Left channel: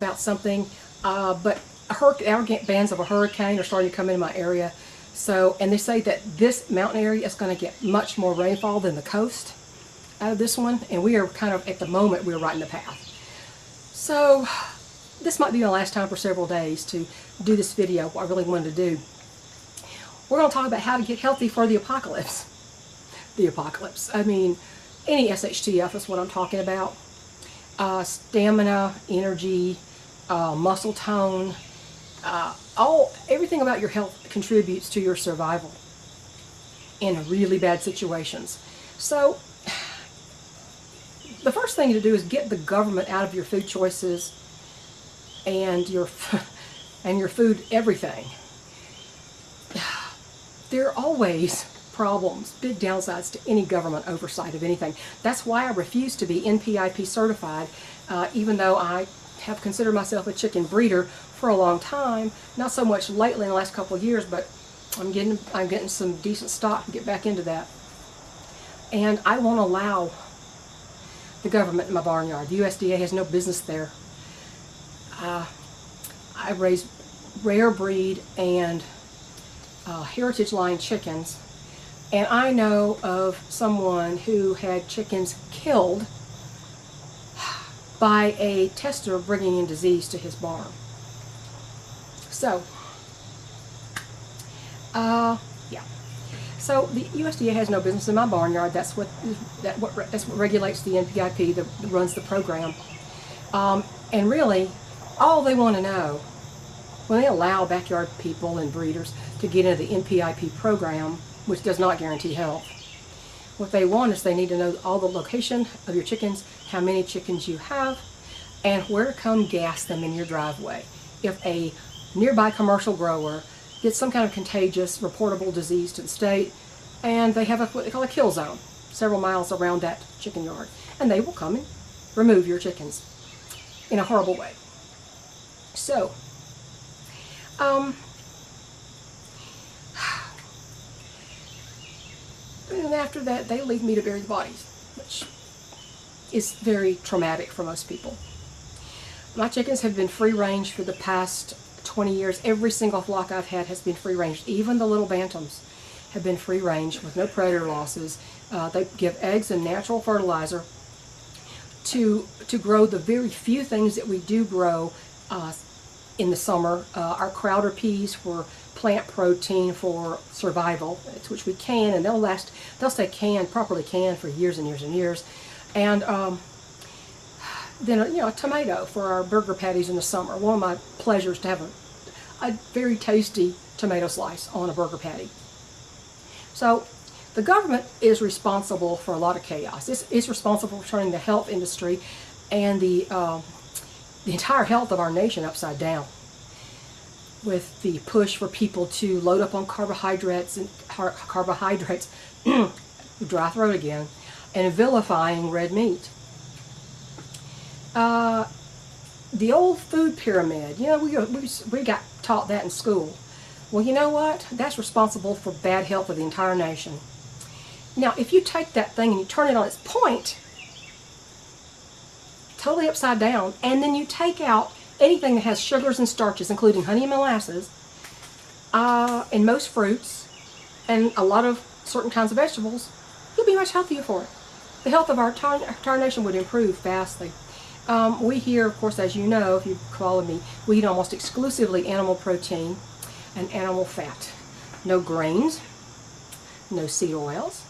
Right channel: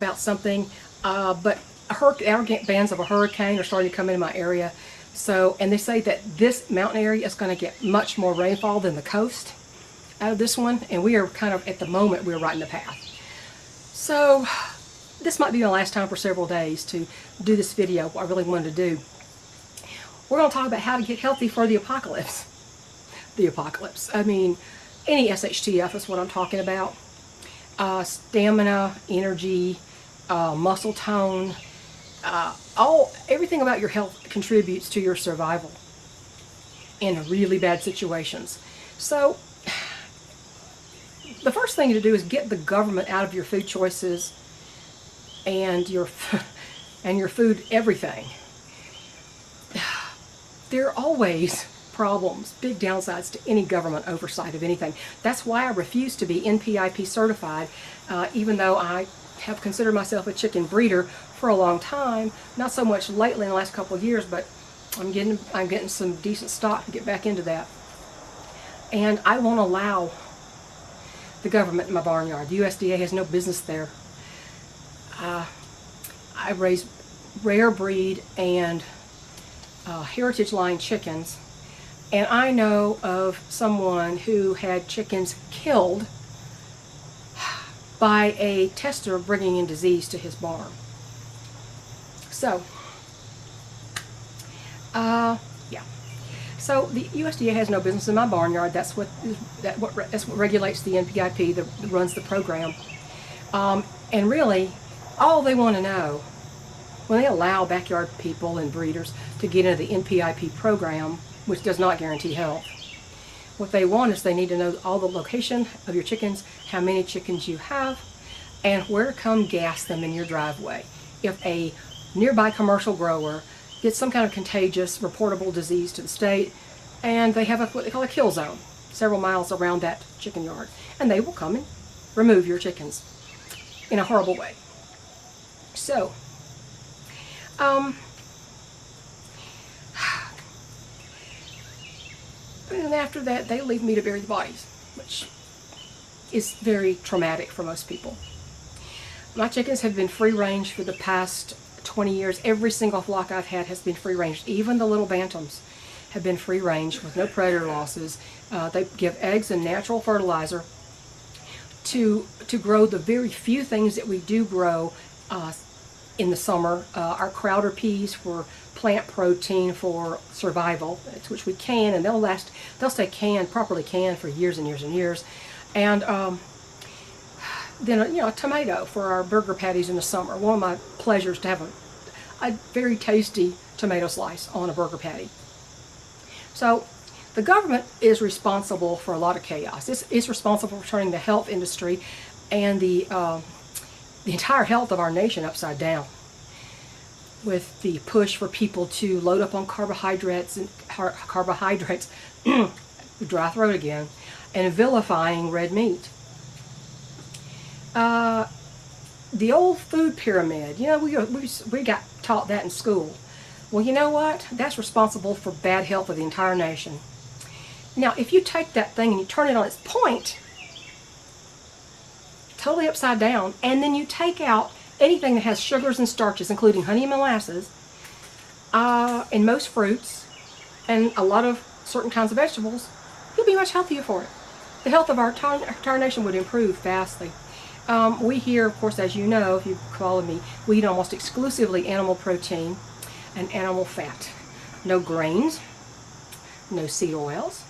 about something, but outer bands of a hurricane are starting to come into my area. So, and they say that this mountain area is going to get much more rainfall than the coast out of this one, and we are kind of, at the moment, we're right in the path. So, this might be my last time for several days to do this video, what I really wanted to do. We're going to talk about how to get healthy for the apocalypse. The apocalypse. I mean, any SHTF is what I'm talking about. Stamina, energy, muscle tone, everything about your health contributes to your survival in really bad situations. So, the first thing to do is get the government out of your food choices and your food everything. There are always problems, big downsides to any government oversight of anything. That's why I refuse to be NPIP certified, even though I have considered myself a chicken breeder for a long time. Not so much lately in the last couple of years, but I'm getting some decent stock to get back into that. And I won't allow the government in my barnyard. The USDA has no business there. I raise rare breed and heritage line chickens, and I know of someone who had chickens killed by a tester bringing in disease to his barn. So, yeah. So the USDA has no business in my barnyard. That's what regulates the NPIP, that runs the program. And really, all they want to know, when they allow backyard people and breeders to get into the NPIP program, which does not guarantee health, what they want is they need to know all the location of your chickens, how many chickens you have, and where to come gas them in your driveway. If a nearby commercial grower gets some kind of contagious, reportable disease to the state, and they have what they call a kill zone several miles around that chicken yard, and they will come and remove your chickens in a horrible way. So, and after that, they leave me to bury the bodies, which is very traumatic for most people. My chickens have been free range for the past 20 years. Every single flock I've had has been free range. Even the little bantams have been free range with no predator losses. They give eggs and natural fertilizer to grow the very few things that we do grow in the summer. Our crowder peas for plant protein for survival, which we can, and they'll stay properly canned for years and years and years. And then a tomato for our burger patties in the summer. One of my pleasures to have a very tasty tomato slice on a burger patty. So the government is responsible for a lot of chaos. It's responsible for turning the health industry and the entire health of our nation upside down, with the push for people to load up on carbohydrates, dry throat again, and vilifying red meat. The old food pyramid, we got taught that in school. Well, you know what? That's responsible for bad health of the entire nation. Now, if you take that thing and you turn it on its point, totally upside down, and then you take out anything that has sugars and starches, including honey and molasses, and most fruits, and a lot of certain kinds of vegetables, you'll be much healthier for it. The health of our entire nation would improve vastly. We here, of course, as you know, if you've followed me, we eat almost exclusively animal protein and animal fat. No grains, no seed oils,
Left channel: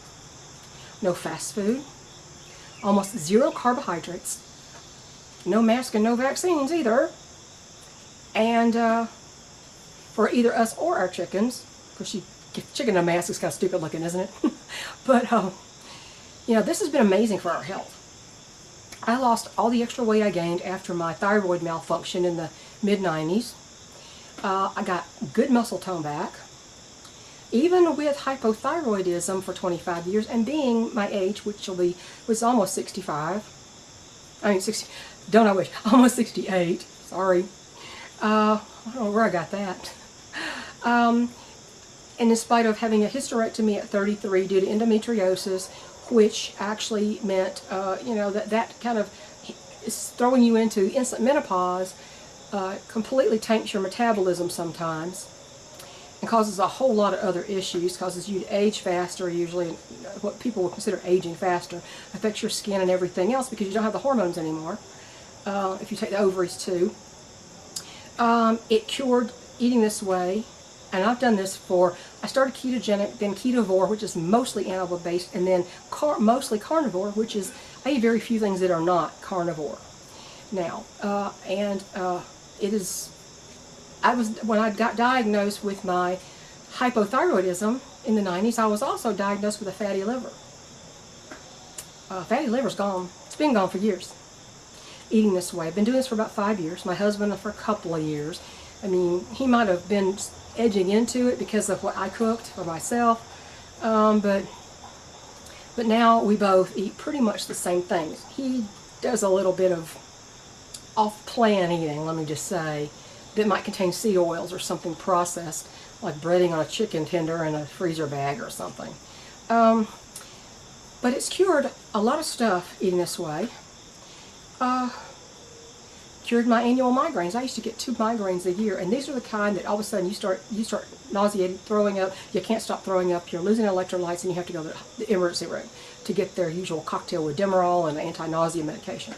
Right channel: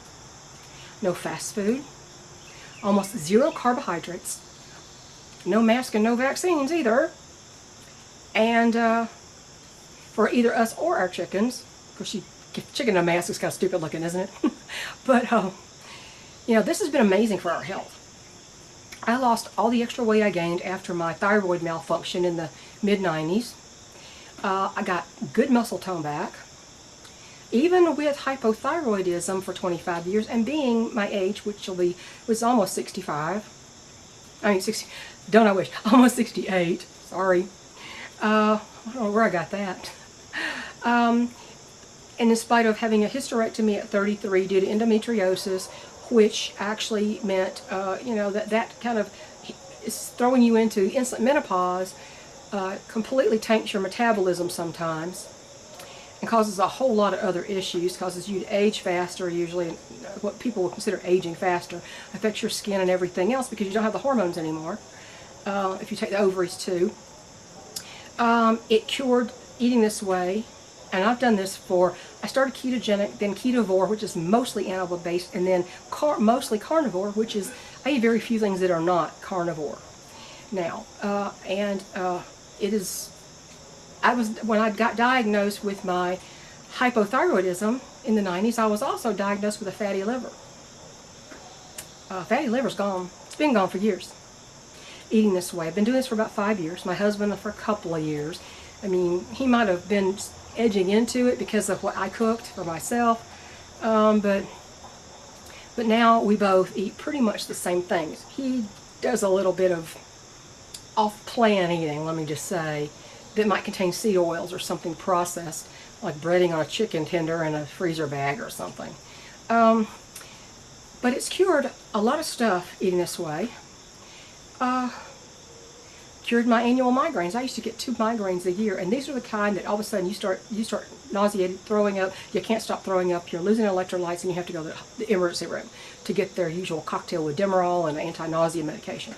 no fast food, almost zero carbohydrates, no mask and no vaccines either. And for either us or our chickens, of course, chicken in a mask is kind of stupid looking, isn't it? But, this has been amazing for our health. I lost all the extra weight I gained after my thyroid malfunction in the mid-90s. I got good muscle tone back, even with hypothyroidism for 25 years, and being my age, which was almost 65. I mean, 60, don't I wish, almost 68, sorry. I don't know where I got that. And in spite of having a hysterectomy at 33 due to endometriosis, which actually meant, that kind of is throwing you into instant menopause, completely taints your metabolism sometimes. It causes a whole lot of other issues. It causes you to age faster usually. What people would consider aging faster. Affects your skin and everything else because you don't have the hormones anymore. If you take the ovaries too. It cured eating this way. And I've done this I started ketogenic, then ketovore, which is mostly animal based, and then mostly carnivore, which is, I eat very few things that are not carnivore. Now, when I got diagnosed with my hypothyroidism in the 90s, I was also diagnosed with a fatty liver. Fatty liver's gone. It's been gone for years. Eating this way. I've been doing this for about 5 years. My husband for a couple of years. I mean, he might have been edging into it because of what I cooked for myself. But now we both eat pretty much the same things. He does a little bit of off-plan eating, let me just say, that might contain seed oils or something processed, like breading on a chicken tender in a freezer bag or something. But it's cured a lot of stuff eating this way. Cured my annual migraines. I used to get 2 migraines a year, and these are the kind that all of a sudden you start nauseated, throwing up. You can't stop throwing up. You're losing electrolytes, and you have to go to the emergency room to get their usual cocktail with Demerol and anti-nausea medication.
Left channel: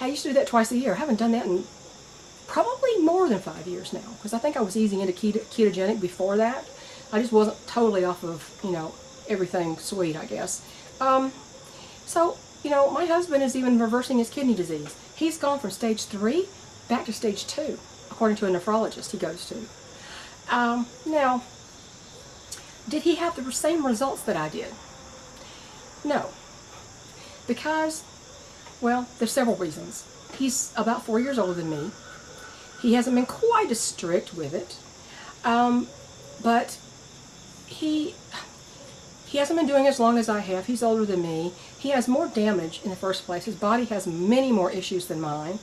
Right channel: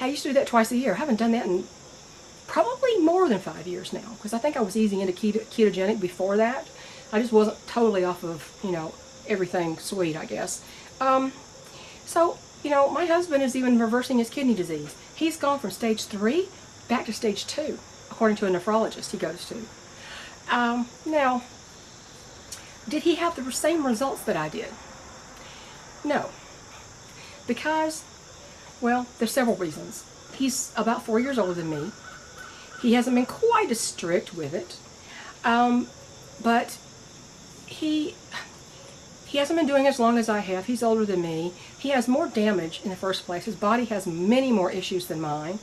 I used to do that twice a year. I haven't done that in probably more than 5 years now, because I think I was easing into ketogenic before that. I just wasn't totally off of, everything sweet, I guess. So, my husband is even reversing his kidney disease. He's gone from stage 3 back to stage 2, according to a nephrologist he goes to. Now, did he have the same results that I did? No. Because, well, there's several reasons. He's about 4 years older than me. He hasn't been quite as strict with it. But he hasn't been doing it as long as I have. He's older than me. He has more damage in the first place. His body has many more issues than mine.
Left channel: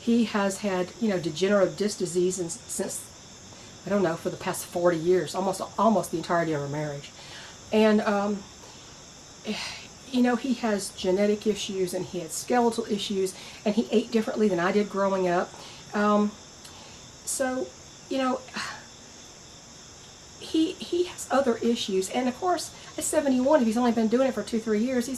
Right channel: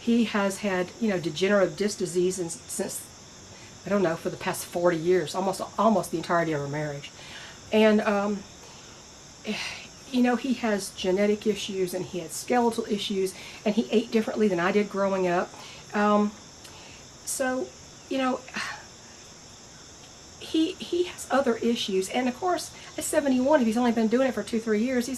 He has had, degenerative disc disease since, I don't know, for the past 40 years, almost the entirety of our marriage. And, he has genetic issues, and he had skeletal issues, and he ate differently than I did growing up. So, he has other issues, and of course, at 71, if he's only been doing it for 2-3 years,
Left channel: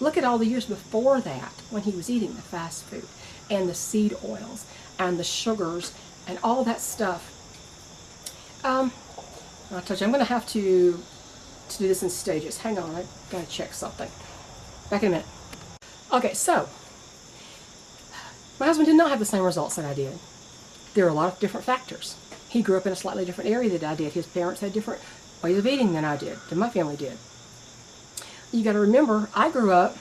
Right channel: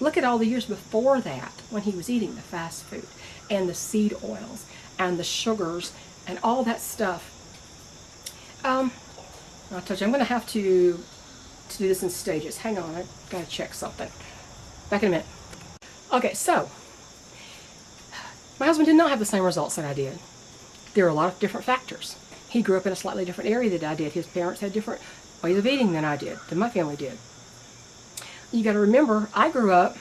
look at all the years before that, when he was eating the fast food, and the seed oils, and the sugars, and all that stuff. I told you, I'm going to have to do this in stages. Hang on, I've got to check something. Back in a minute. Okay, so, my husband did not have the same results that I did. There are a lot of different factors. He grew up in a slightly different area than I did. His parents had different ways of eating than I did, than my family did. You got to remember, I grew up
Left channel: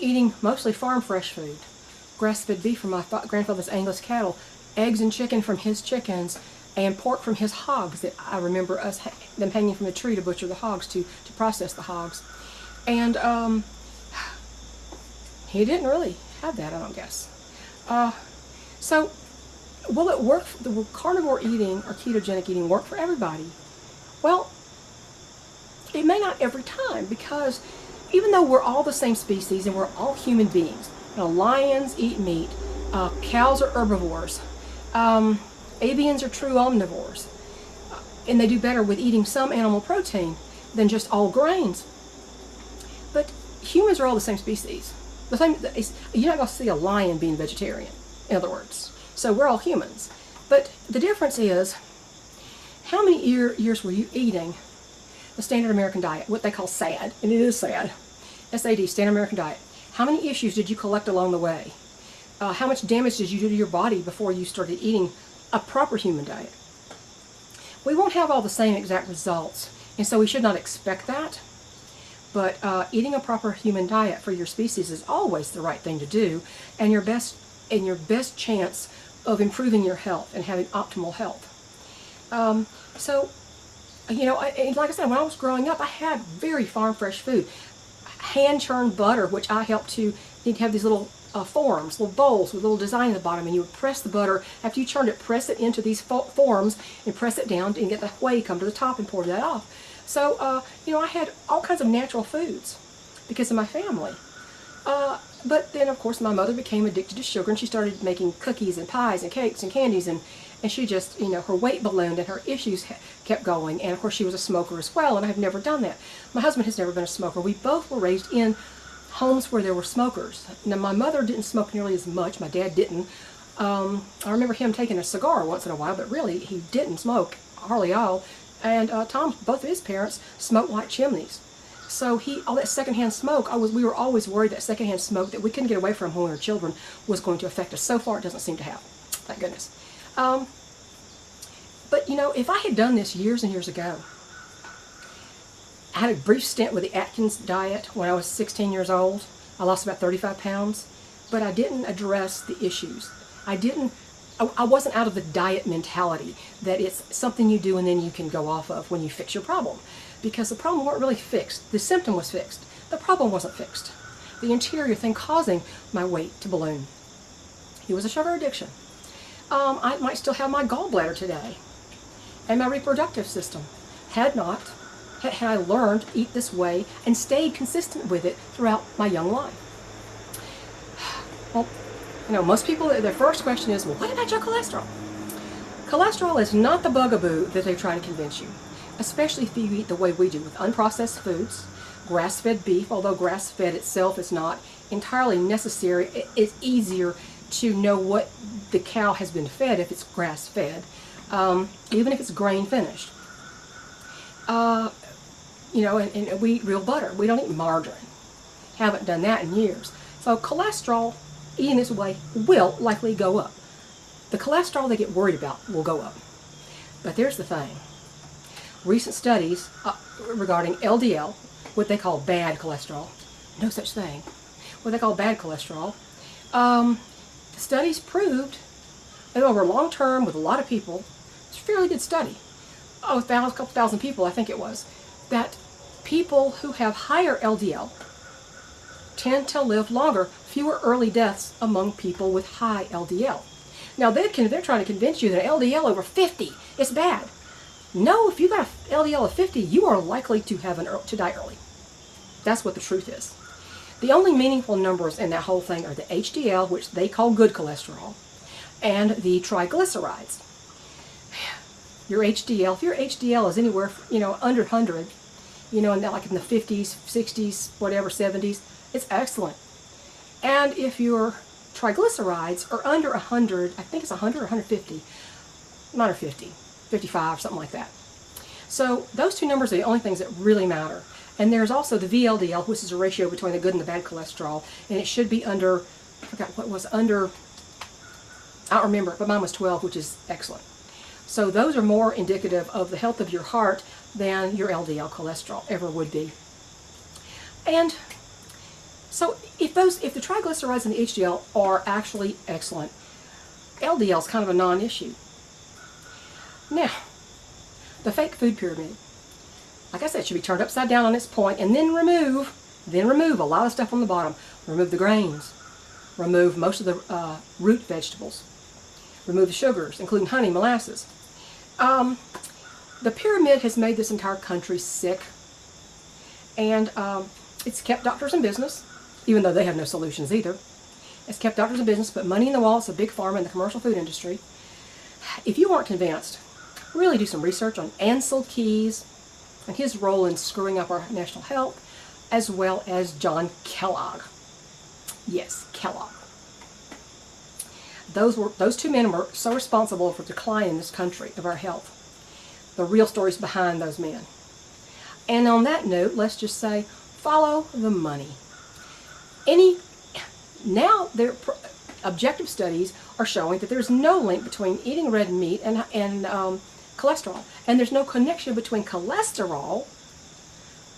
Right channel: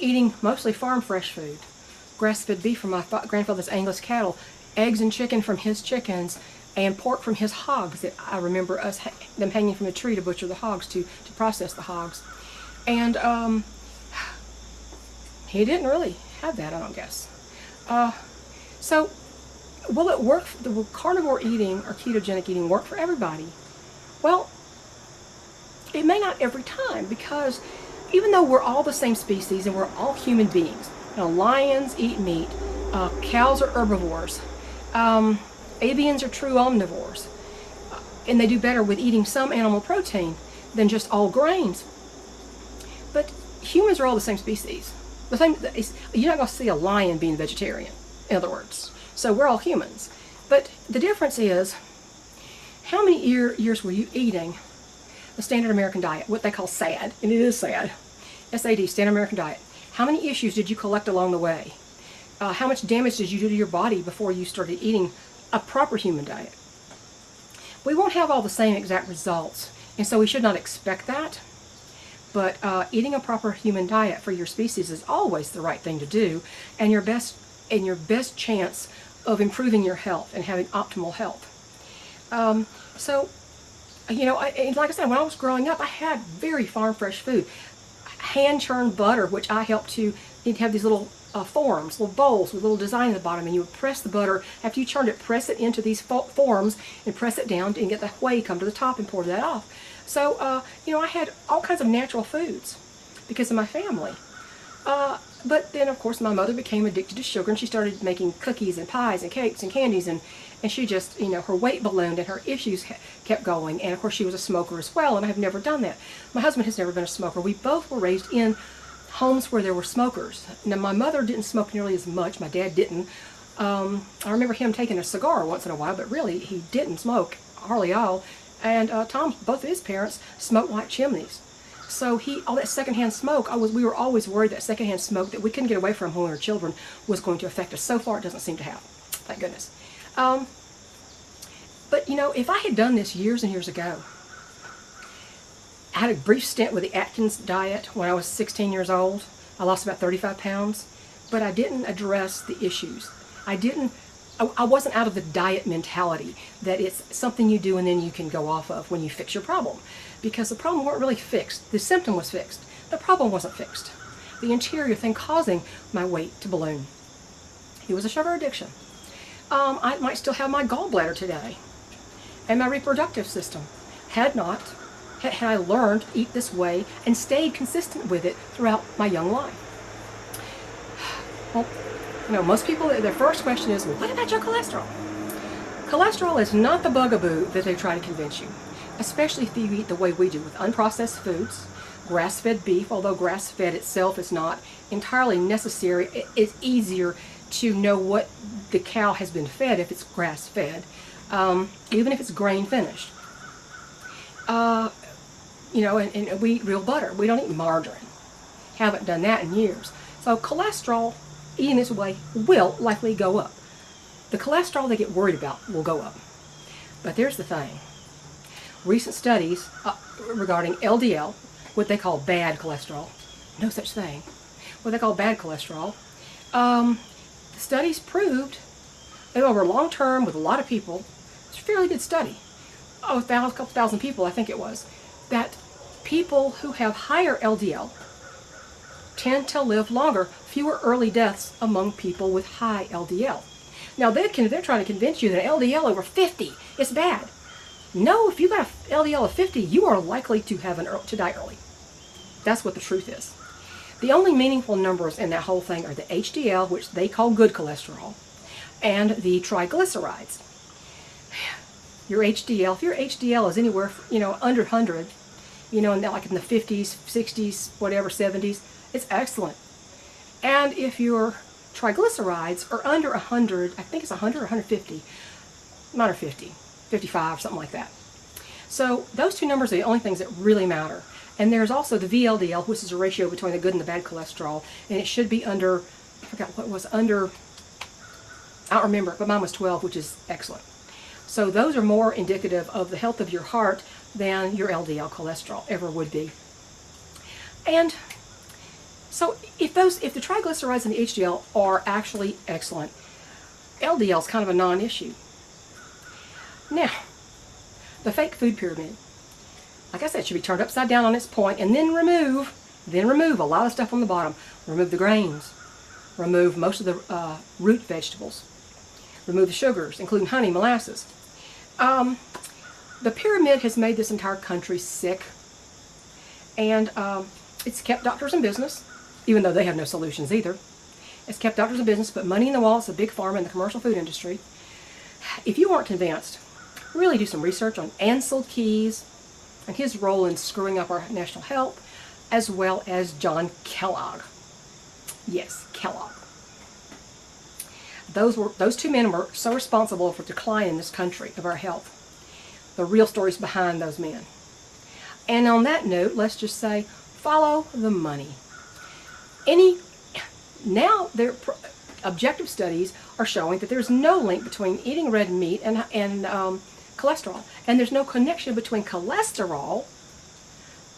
eating mostly farm fresh food. Grass-fed beef from my grandfather's Angus cattle, eggs and chicken from his chickens, and pork from his hogs. That I remember them hanging from a tree to butcher the hogs, to process the hogs. And he didn't really have that, I don't guess. So, will it work? The carnivore eating or ketogenic eating work for everybody? Well, it may not every time, because even though we're all the same species and we're all human beings, lions eat meat, cows are herbivores, avians are true omnivores, and they do better with eating some animal protein than just all grains. But humans are all the same species. You're not going to see a lion being vegetarian, in other words. So we're all humans. But the difference is, how many years were you eating the standard American diet, what they call SAD, and it is SAD, SAD, standard American diet. How many issues did you collect along the way? How much damage did you do to your body before you started eating a proper human diet? We won't have all the same exact results, and so we should not expect that. But eating a proper human diet for your species is always the right thing to do, and your best chance of improving your health and having optimal health. So, like I said, when I was growing up, I had very farm fresh food. Hand-churned butter, which I helped to, you'd have these little forms, little bowls with a little design at the bottom, and you would press the butter. After you churned it, press it into these forms and press it down and get the whey come to the top and pour that off. So, I had all kinds of natural foods because of my family. But then, of course, my mother became addicted to sugar, and she started making cookies and pies and cakes and candies, and she just, her weight ballooned and her issues kept going. And, of course, she was a smoker as well, and I've never done that. My husband has never been a smoker. We both were raised in homes where there were smokers. Now, my mother didn't smoke nearly as much. My dad didn't. I remember him taking a cigar once in a while, but really, he didn't smoke hardly all. And both of his parents smoked like chimneys. So all that secondhand smoke, we were always worried that secondhand smoke that we couldn't get away from when we were children was going to affect us. So far, it doesn't seem to have. Thank goodness. But if I had done this years and years ago, I had a brief stint with the Atkins diet when I was 16 years old. I lost about 35 pounds, but I didn't address the issues. I wasn't out of the diet mentality that it's something you do and then you can go off of when you fix your problem. Because the problem wasn't really fixed. The symptom was fixed. The problem wasn't fixed. The interior thing causing my weight to balloon. It was a sugar addiction. I might still have my gallbladder today. And my reproductive system. Had I learned to eat this way and stayed consistent with it throughout my young life. Well, most people, their first question is, well, what about your cholesterol? Cholesterol is not the bugaboo that they're trying to convince you. Especially if you eat the way we do with unprocessed foods, grass-fed beef, although grass-fed itself is not entirely necessary. It's easier to know what the cow has been fed if it's grass-fed, even if it's grain-finished. And we eat real butter. We don't eat margarine. Haven't done that in years. So cholesterol, eating this way, will likely go up. The cholesterol they get worried about will go up. But there's the thing. Recent studies regarding LDL, what they call bad cholesterol, no such thing, what they call bad cholesterol, the studies proved that over long term with a lot of people, it's a fairly good study, a couple thousand people I think it was, that people who have higher LDL tend to live longer, fewer early deaths among people with high LDL. Now they're trying to convince you that LDL over 50 is bad. No, if you got an LDL of 50, you are likely to die early. That's what the truth is. The only meaningful numbers in that whole thing are the HDL, which they call good cholesterol, and the triglycerides. Your HDL, if your HDL is anywhere, under 100, like in the 50s, 60s, whatever, 70s, it's excellent. And if your triglycerides are under 100, I think it's 100 or 150, not 50. 55, something like that. So those two numbers are the only things that really matter. And there's also the VLDL, which is a ratio between the good and the bad cholesterol, and it should be under, I forgot what was under, I don't remember, but mine was 12, which is excellent. So those are more indicative of the health of your heart than your LDL cholesterol ever would be. And so if the triglycerides and the HDL are actually excellent, LDL is kind of a non-issue. Now, the fake food pyramid, like I said, should be turned upside down on its point and then remove a lot of stuff on the bottom. Remove the grains, remove most of the root vegetables, remove the sugars, including honey, molasses. The pyramid has made this entire country sick, and it's kept doctors in business, even though they have no solutions either. It's kept doctors in business, put money in the wallets of big pharma and the commercial food industry. If you aren't convinced, really do some research on Ansel Keys and his role in screwing up our national health, as well as John Kellogg. Yes, Kellogg. Those two men were so responsible for the decline in this country of our health. The real stories behind those men. And on that note, let's just say, follow the money. Now, objective studies are showing that there's no link between eating red meat and cholesterol. And there's no connection between cholesterol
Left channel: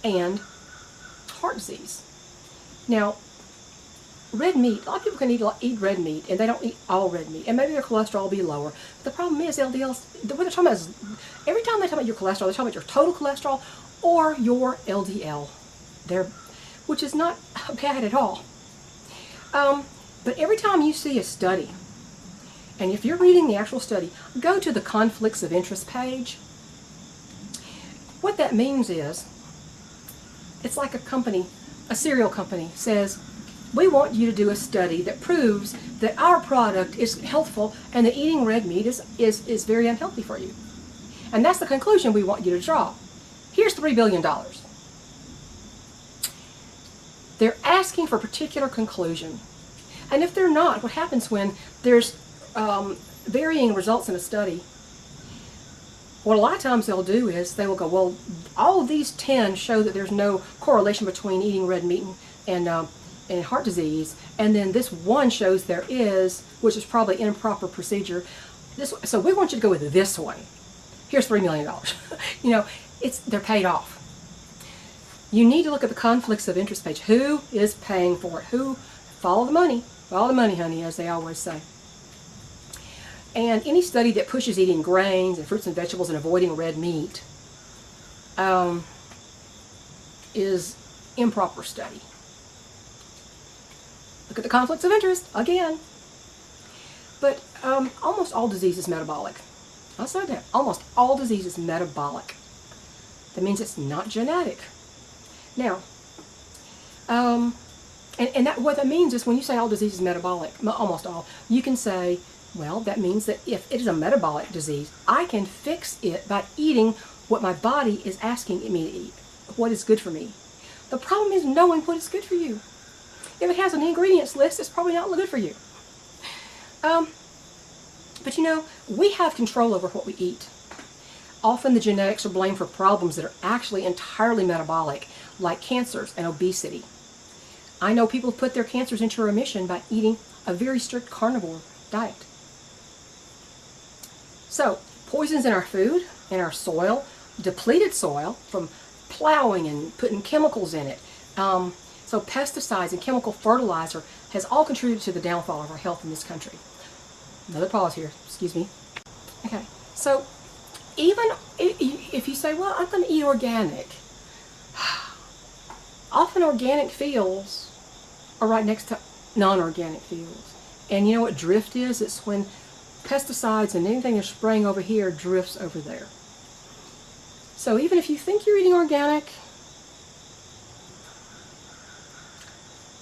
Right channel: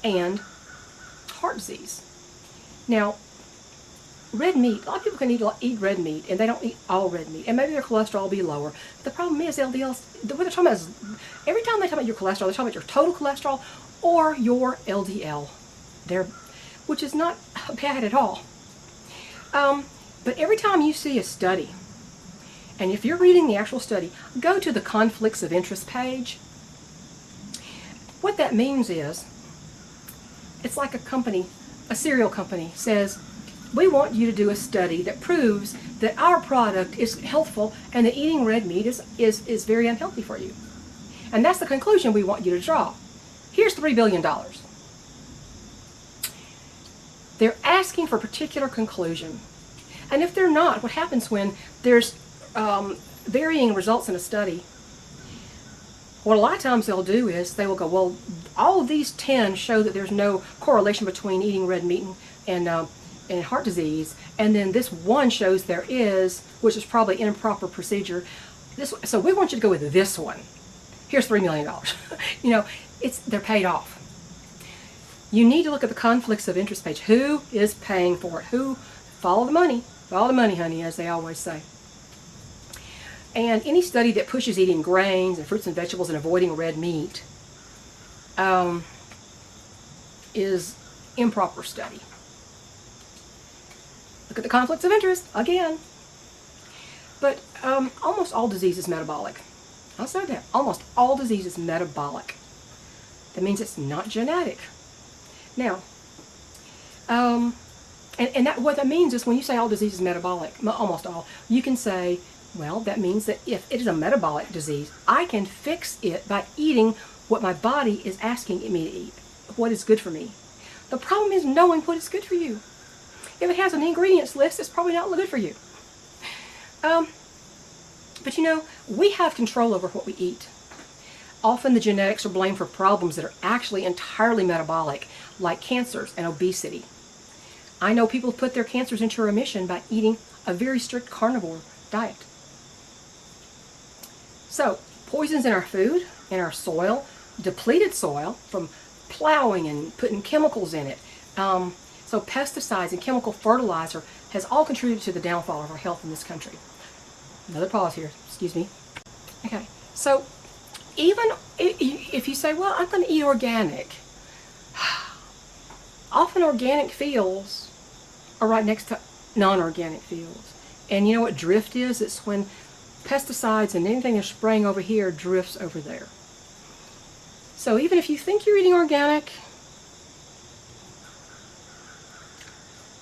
and heart disease. Now, red meat, a lot of people can eat red meat, and they don't eat all red meat. And maybe their cholesterol will be lower. But the problem is LDLs, what they're talking about is, every time they talk about your cholesterol, they're talking about your total cholesterol or your LDL, which is not bad at all. But every time you see a study, and if you're reading the actual study, go to the conflicts of interest page. What that means is, it's like a cereal company says, we want you to do a study that proves that our product is healthful and that eating red meat is very unhealthy for you. And that's the conclusion we want you to draw. Here's $3 billion. They're asking for a particular conclusion. And if they're not, what happens when there's varying results in a study? What a lot of times they'll do is they will go, well, all of these 10 show that there's no correlation between eating red meat and heart disease, and then this one shows there is, which is probably an improper procedure. So we want you to go with this one. Here's $3 million. You know, they're paid off. You need to look at the conflicts of interest page. Who is paying for it? Follow the money. Follow the money, honey, as they always say. And any study that pushes eating grains and fruits and vegetables and avoiding red meat is improper study. Look at the conflicts of interest again. But almost all disease is metabolic. I'll say that. Almost all disease is metabolic. That means it's not genetic. Now, and what that means is when you say all disease is metabolic, almost all, you can say, well, that means that if it is a metabolic disease, I can fix it by eating what my body is asking me to eat, what is good for me. The problem is knowing what is good for you. If it has an ingredients list, it's probably not good for you. But you know, we have control over what we eat. Often the genetics are blamed for problems that are actually entirely metabolic, like cancers and obesity. I know people put their cancers into remission by eating a very strict carnivore diet. So, poisons in our food, in our soil, depleted soil from plowing and putting chemicals in it. So pesticides and chemical fertilizer has all contributed to the downfall of our health in this country. Another pause here, excuse me. Okay, so even if you say, well, I'm going to eat organic, often organic fields are right next to non-organic fields. And you know what drift is? It's when pesticides and anything you're spraying over here drifts over there. So even if you think you're eating organic,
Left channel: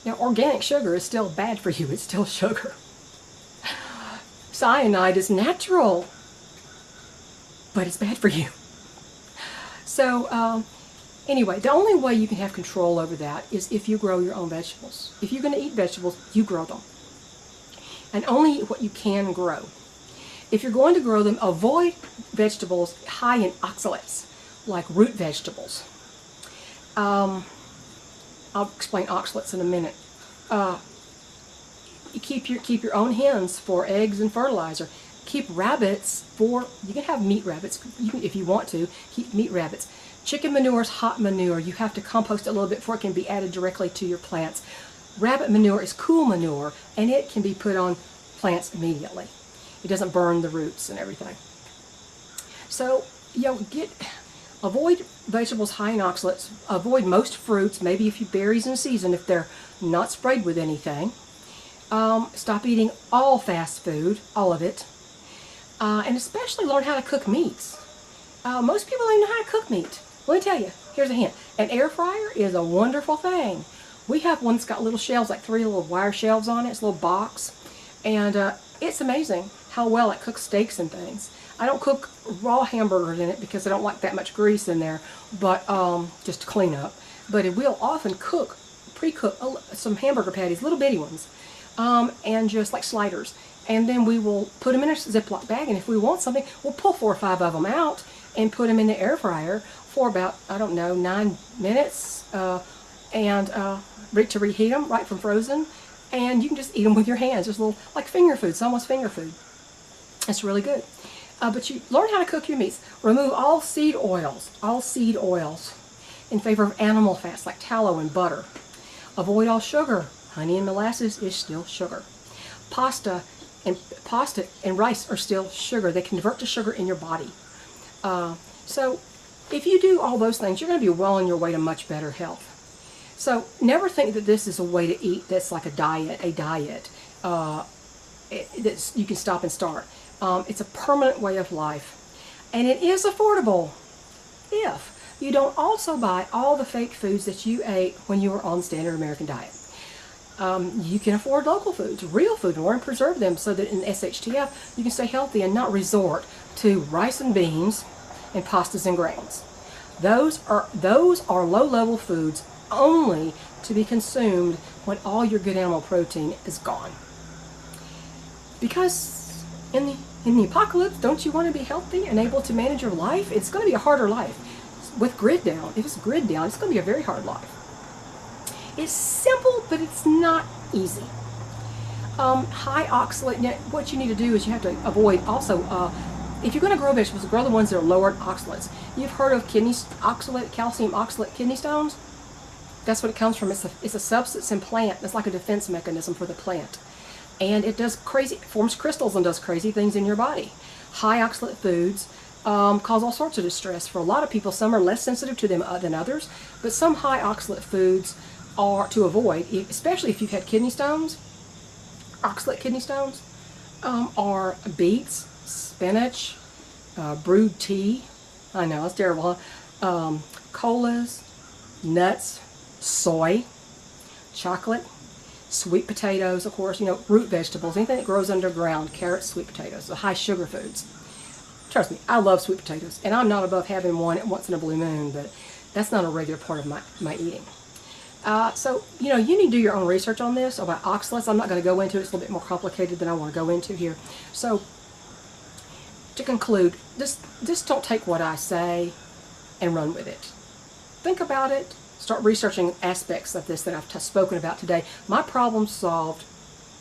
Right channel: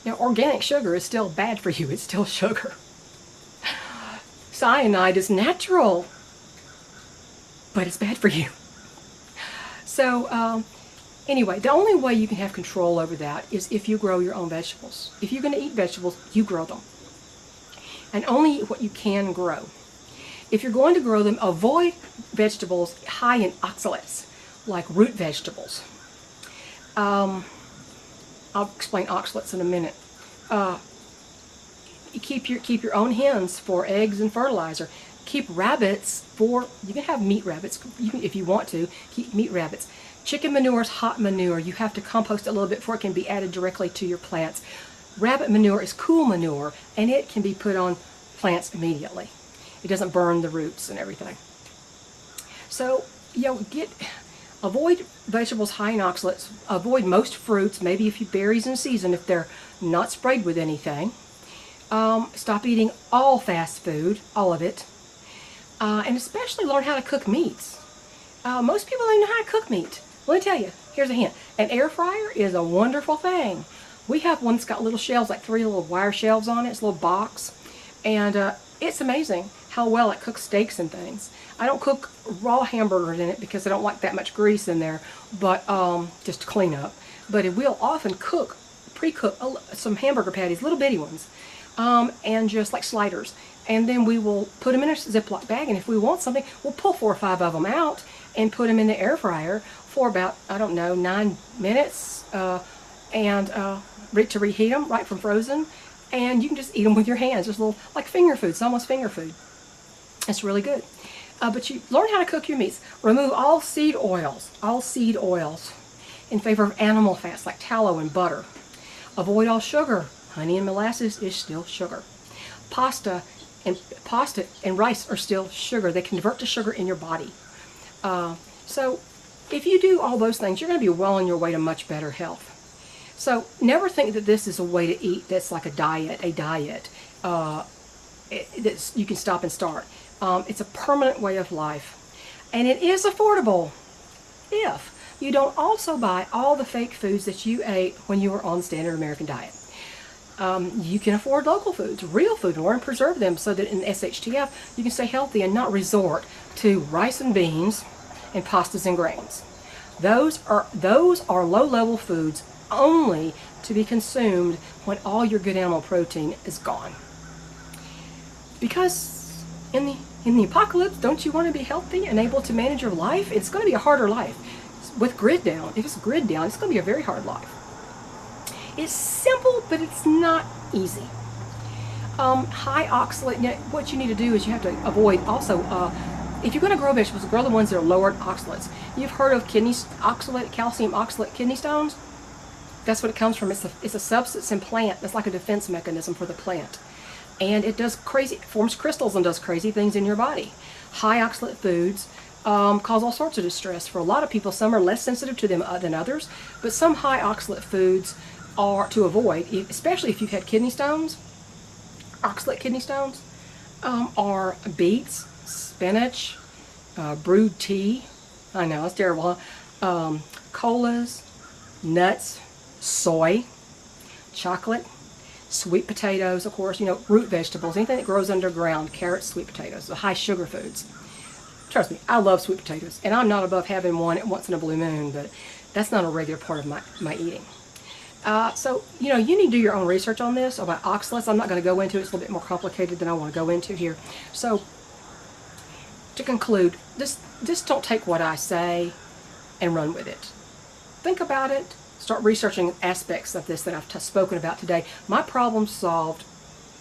you know, organic sugar is still bad for you. It's still sugar. Cyanide is natural, but it's bad for you. So anyway, the only way you can have control over that is if you grow your own vegetables. If you're going to eat vegetables, you grow them. And only eat what you can grow. If you're going to grow them, avoid vegetables high in oxalates, like root vegetables. I'll explain oxalates in a minute. You keep your own hens for eggs and fertilizer. Keep rabbits for, you can have meat rabbits if you want to. Keep meat rabbits. Chicken manure is hot manure. You have to compost it a little bit before it can be added directly to your plants. Rabbit manure is cool manure, and it can be put on plants immediately. It doesn't burn the roots and everything. So, you know, avoid vegetables high in oxalates. Avoid most fruits, maybe a few berries in season if they're not sprayed with anything. Stop eating all fast food, all of it. And especially learn how to cook meats. Most people don't know how to cook meat. Let me tell you, here's a hint. An air fryer is a wonderful thing. We have one that's got little shelves, like 3 little wire shelves on it. It's a little box. And it's amazing how well it cooks steaks and things. I don't cook raw hamburgers in it because I don't like that much grease in there, but just to clean up. But it will often pre-cook some hamburger patties, little bitty ones, and just like sliders. And then we will put them in a Ziploc bag, and if we want something, we'll pull 4 or 5 of them out and put them in the air fryer for about, I don't know, 9 minutes, and ready to reheat them right from frozen. And you can just eat them with your hands, just little, like finger food. It's almost finger food. It's really good. But you learn how to cook your meats. Remove all seed oils in favor of animal fats like tallow and butter. Avoid all sugar. Honey and molasses is still sugar. Pasta and rice are still sugar. They convert to sugar in your body. So if you do all those things, you're going to be well on your way to much better health. So never think that this is a way to eat that's like a diet. You can stop and start. It's a permanent way of life. And it is affordable if you don't also buy all the fake foods that you ate when you were on standard American diet. You can afford local foods, real food, learn to preserve them so that in SHTF you can stay healthy and not resort to rice and beans and pastas and grains. Those are low-level foods only to be consumed when all your good animal protein is gone. Because in the apocalypse, don't you want to be healthy and able to manage your life? It's going to be a harder life. With grid down, if it's grid down, it's going to be a very hard life. It's simple, but it's not easy. High oxalate, now what you need to do is you have to avoid also, if you're going to grow vegetables, grow the ones that are lower oxalates. You've heard of calcium oxalate kidney stones? That's what it comes from. It's a substance in plant. It's like a defense mechanism for the plant. And it forms crystals and does crazy things in your body. High oxalate foods cause all sorts of distress for a lot of people. Some are less sensitive to them than others, but some high oxalate foods are to avoid, especially if you've had kidney stones. Oxalate kidney stones are beets, spinach, brewed tea. I know, it's terrible, huh? Colas, nuts, soy, chocolate, sweet potatoes, of course, root vegetables, anything that grows underground, carrots, sweet potatoes, the high sugar foods. Trust me, I love sweet potatoes, and I'm not above having one once in a blue moon, but that's not a regular part of my eating. So, you need to do your own research on this, about oxalates. I'm not going to go into it. It's a little bit more complicated than I want to go into here. So, to conclude, just don't take what I say and run with it. Think about it. Start researching aspects of this that I've spoken about today. My problem solved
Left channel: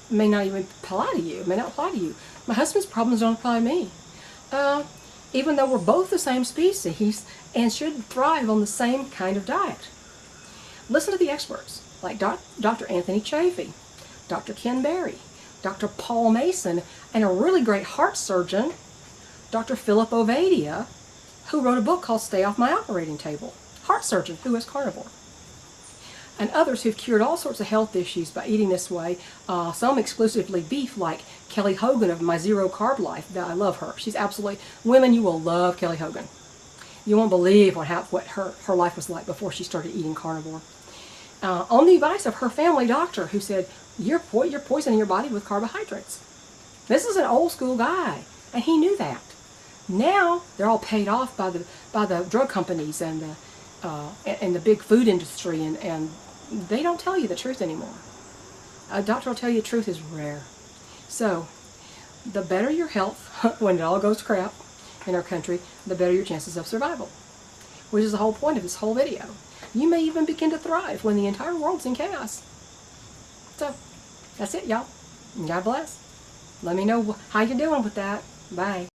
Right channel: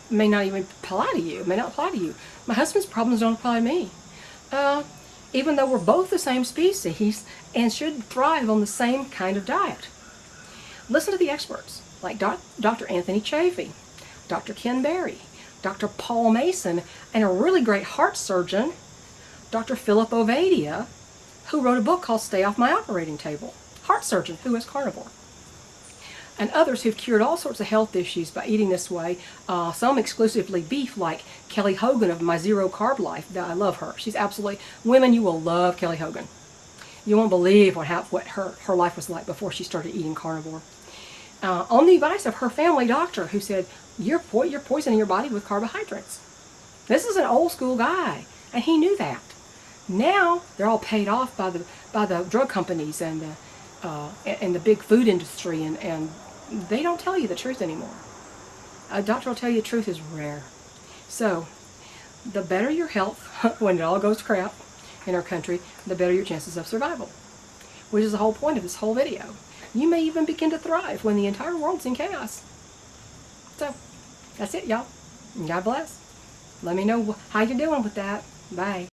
may not even apply to you. It may not apply to you. My husband's problems don't apply to me. Even though we're both the same species and should thrive on the same kind of diet. Listen to the experts like Dr. Anthony Chaffee, Dr. Ken Berry, Dr. Paul Mason, and a really great heart surgeon, Dr. Philip Ovadia, who wrote a book called Stay Off My Operating Table. Heart surgeon who is carnivore. And others who've cured all sorts of health issues by eating this way, some exclusively beef, like Kelly Hogan of My Zero Carb Life. I love her. She's absolutely, women, you will love Kelly Hogan. You won't believe what her life was like before she started eating carnivore. On the advice of her family doctor, who said, you're poisoning your body with carbohydrates. This is an old school guy, and he knew that. Now they're all paid off by the drug companies and the big food industry, and they don't tell you the truth anymore. A doctor will tell you the truth is rare. So, the better your health, when it all goes to crap in our country, the better your chances of survival. Which is the whole point of this whole video. You may even begin to thrive when the entire world's in chaos. So, that's it, y'all. God bless. Let me know how you're doing with that. Bye.